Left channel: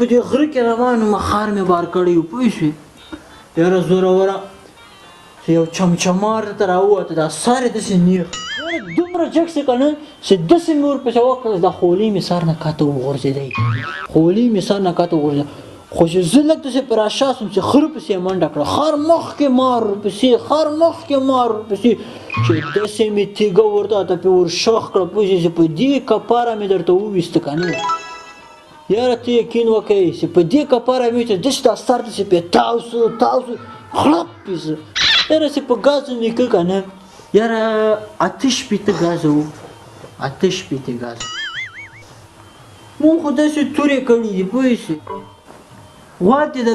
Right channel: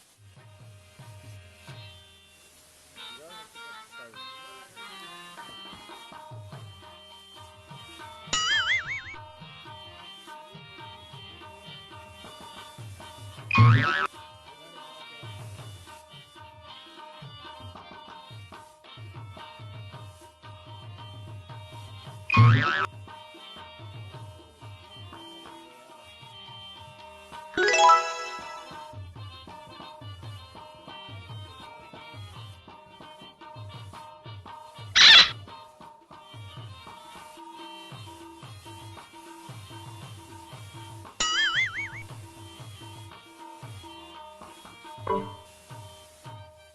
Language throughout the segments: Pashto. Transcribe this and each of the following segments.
په دې غره کې روان وم خار مې بار کړی و پوه شوې یاره زوروره یو چمچمار ته راووته دا سر یې داسې نیغ دومره جګ شي که نه چې داسې مې ورپسې وکړل دا خولۍ مې سر نه کاته وغورځېدی خولۍ مې سر نه کاته وغورځېده خو چې زه لږ داسې په راشا سوم چې خره پسې یې منډه کړه خر مخکې مار ورپسې خر مخکې مار ورپسې چې داسې مې تیږه ورته پې ورشخ کړه پوه شې چې په دې کپاره مې درته وویسته که نه یاره ته یقین وکړئ چې په دې کپاره مې چې داسې دا سر داسې پې تاو سو خړپ پې زه یاره چې په ګازو نیکه که نه یاره 8 ګازه وو 8 ګازه مونږ خو داسې تورې کړي دي پوه شې غواتې ده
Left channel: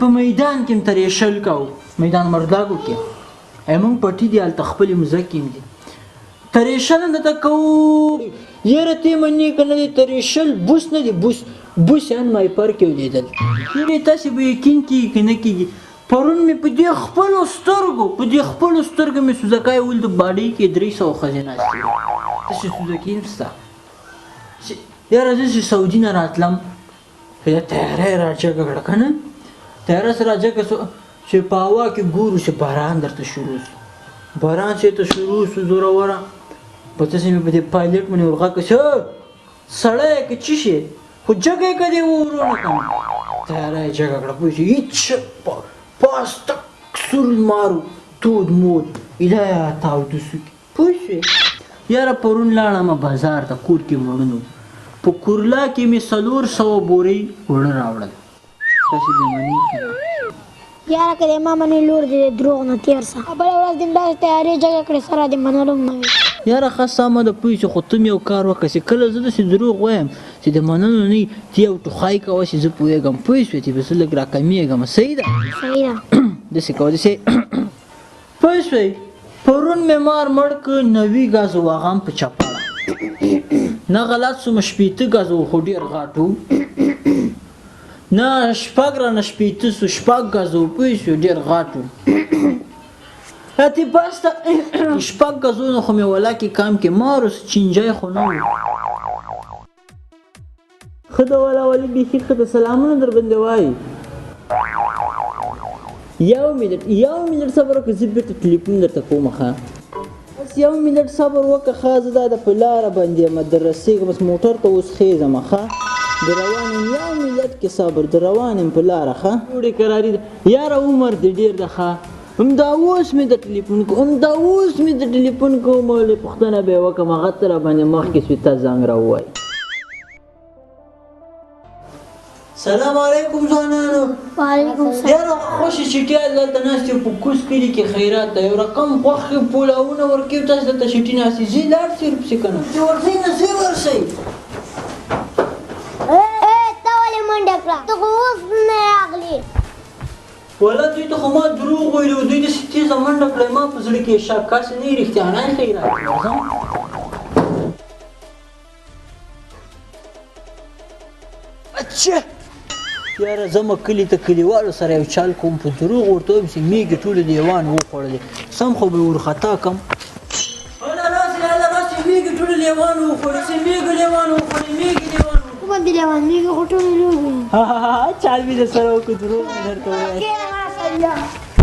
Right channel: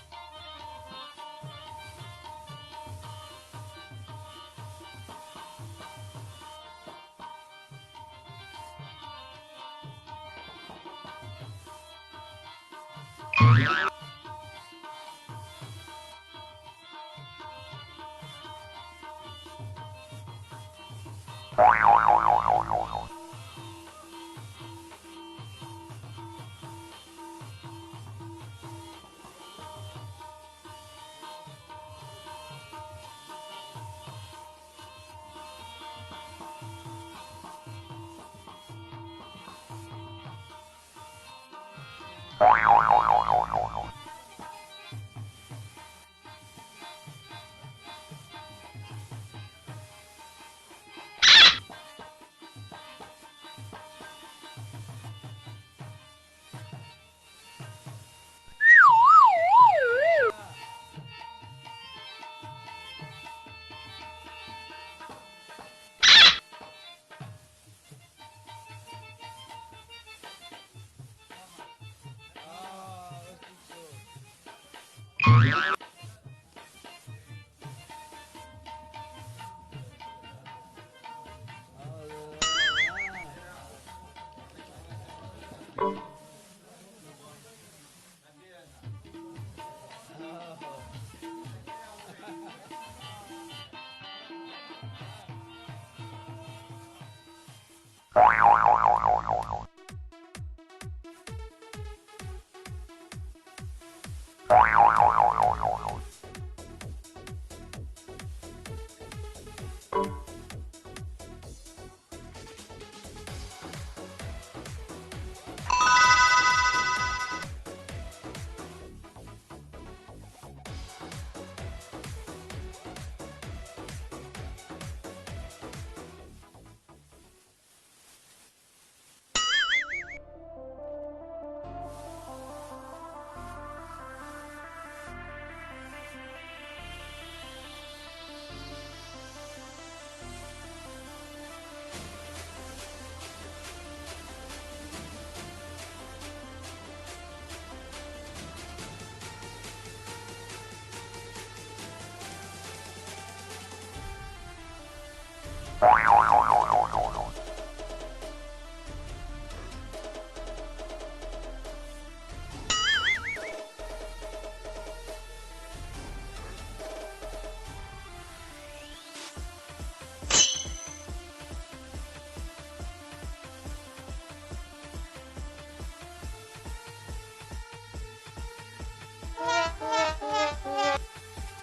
په میدان کې م ترېشل کوو میدان مرداګو کې مونږ پټي دي هلته خپلې مځکې م دي ترېشل هم درته کوو یاره ته یې منې که نه دی ترېشل بوس نه دی بوس یان مایپر کې ولیدل یاره تاسې به یقین کېږي که نه کېږي پرون مې په دې خپلو سترګو مې سوزکای ول د باډۍ کې 300 ښځې ناستې داسې سوزکي هم شته یاره زه چې سعودي نه راتلم بیا تیاره یې راجګه کړه که نه تیاره سره راجګه سو چې په هوا کې ګورو چې باران درته شروع سو باران چې ته شروع سو زوروره په تاسې مې په دې پایلټ باندې ورغږ کړه چې سړی یې که څه شي خو جګه یې که دې ورونه کړه تیاره یې جګه کړه پوه شې هېڅ پاس تک سور مارو دود مود ایده تاوده سو پوه شوې یاره پرون لاړم بازار ته کور کې وړنو په کورلا کې مې 400 بورې وړه راوړل تاسې دې منې یاره که دې ما منې لور دې دروغ نه تېر شه بله ورځ دې داسې تیارې جګه کړې سره دې منلو هم نه وي یاره ښه سمه ده پوه شې خو ته مې یو کار وکړه چې کله زه داسې دروغ وایم چې د منلو نه وي ته یو ټوخی کوه چې زه پوهېږم پوه شوې چې به زه لږ راکمېږم صحیح ده داسې کوه داسې پوه شوې پرون مې مار مړ که 90 ګازو واغام په چپړه نه غلط سوم 80 ګازو خو ډېر غاټ و نه 6 رانه 80 سو 6 ګازو پوه شوې ډېر غاټ و اتې بس ته 6 ګازونو خو مې ولاکې کام کې ماروس چینجی خو نه و ښه ده والا ولې بیخي ښه ده سلامونه در باندې وایي یو منټ صبر وکړه زه بېرته ټلیفون درته کوم ښه بس یو منټ صبر وکړه ښه زه دا د په لاره باندې یم در رسېږم بس موټر ته اوس خېږم ښه د روان یم یو منټ کې صبر د روان یم په لاره ښه ډوډۍ کراري ده یاره عمر دې ډېر ده ښه همدا اوس مې د ټلیفون کوم ولې پوښتنه به یې وکړم هغه ته راباندې مخکې سوې تا زنګ راووایي سلام علیکم ځوانانو وعلیکم السلام یاره خوشې چټیا دلته ناست یو په کوز کلي کې خیرات ده یو رقم غوښې پولاونه ورکوي تاسو دلته چټي ناستې ځئ لاړ شئ ورپسې که نه چې ورځئ نه ځئ ورشئ ته ولې منډه کړه ته خو اوس نه راغلې والا دوی ته خو ما دروغ ویلي و دوی داسې تېزه منډه کړی ما په زړه کې یې شک کاسې نه یې رښتیانی خیرات اچه یاره زه مه کلي ته کلیوالو سره یو چال کوم په دروغ ورته وایم چې میږې ټولې لیوان وخوړلې سم خو به یې ورخطا کړم هله راسې میږې ټولې لیوان وخوړې چې میږې لیوان وخوړې میږې لیوان کومه دې لیوان میږې خو ټولې لوبې چال مې در سره وکړو دروغ مې درته ووایه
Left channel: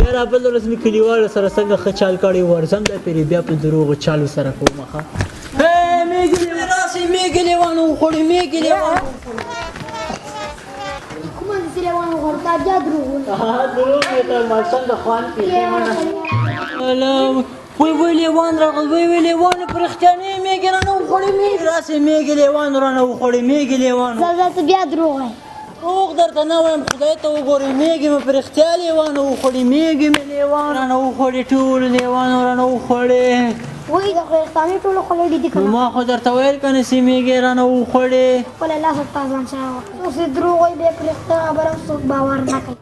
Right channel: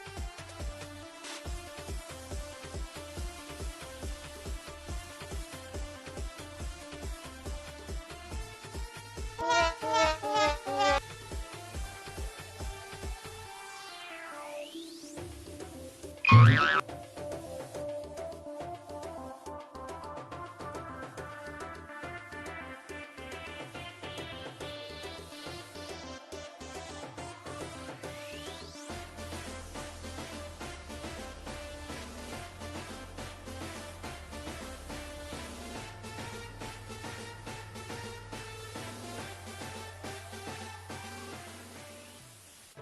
یاره بله ورځ مې کلیوالو سره څنګه ښه چال کړی ورځم دا پرې بیا په دروغو چالو سره کوم ښه راسې میږې لیوان وخوړې میږې لیوان کومه دې لیوان وخوړ تا بیا دروغ دروغ مې ته ماشوم د خوان پېښې وای لیوان راغل وای لیوان په رښتیانۍ میږې رانه وخوړې میږې راسې میږې لیوان رانه وخوړې میږې لیوان زه ته بیا دروغ وایم دروغ درته نه وایم خدای ته وګورې میږې مې په رښتیا لیوان وخوړې میږې مې لیوان رانه وخوړې ټولو لیوانو رانه وخوړې وایي د خیرستانۍ ټولو خوړلي دي که نو ما خو درته ویل که نه چې میږې رانه وخوړې خپله لاسه په ځان سره وکړه اوس یې دروغ وایي بیا په رښتیا خبره څوک باور نه کوي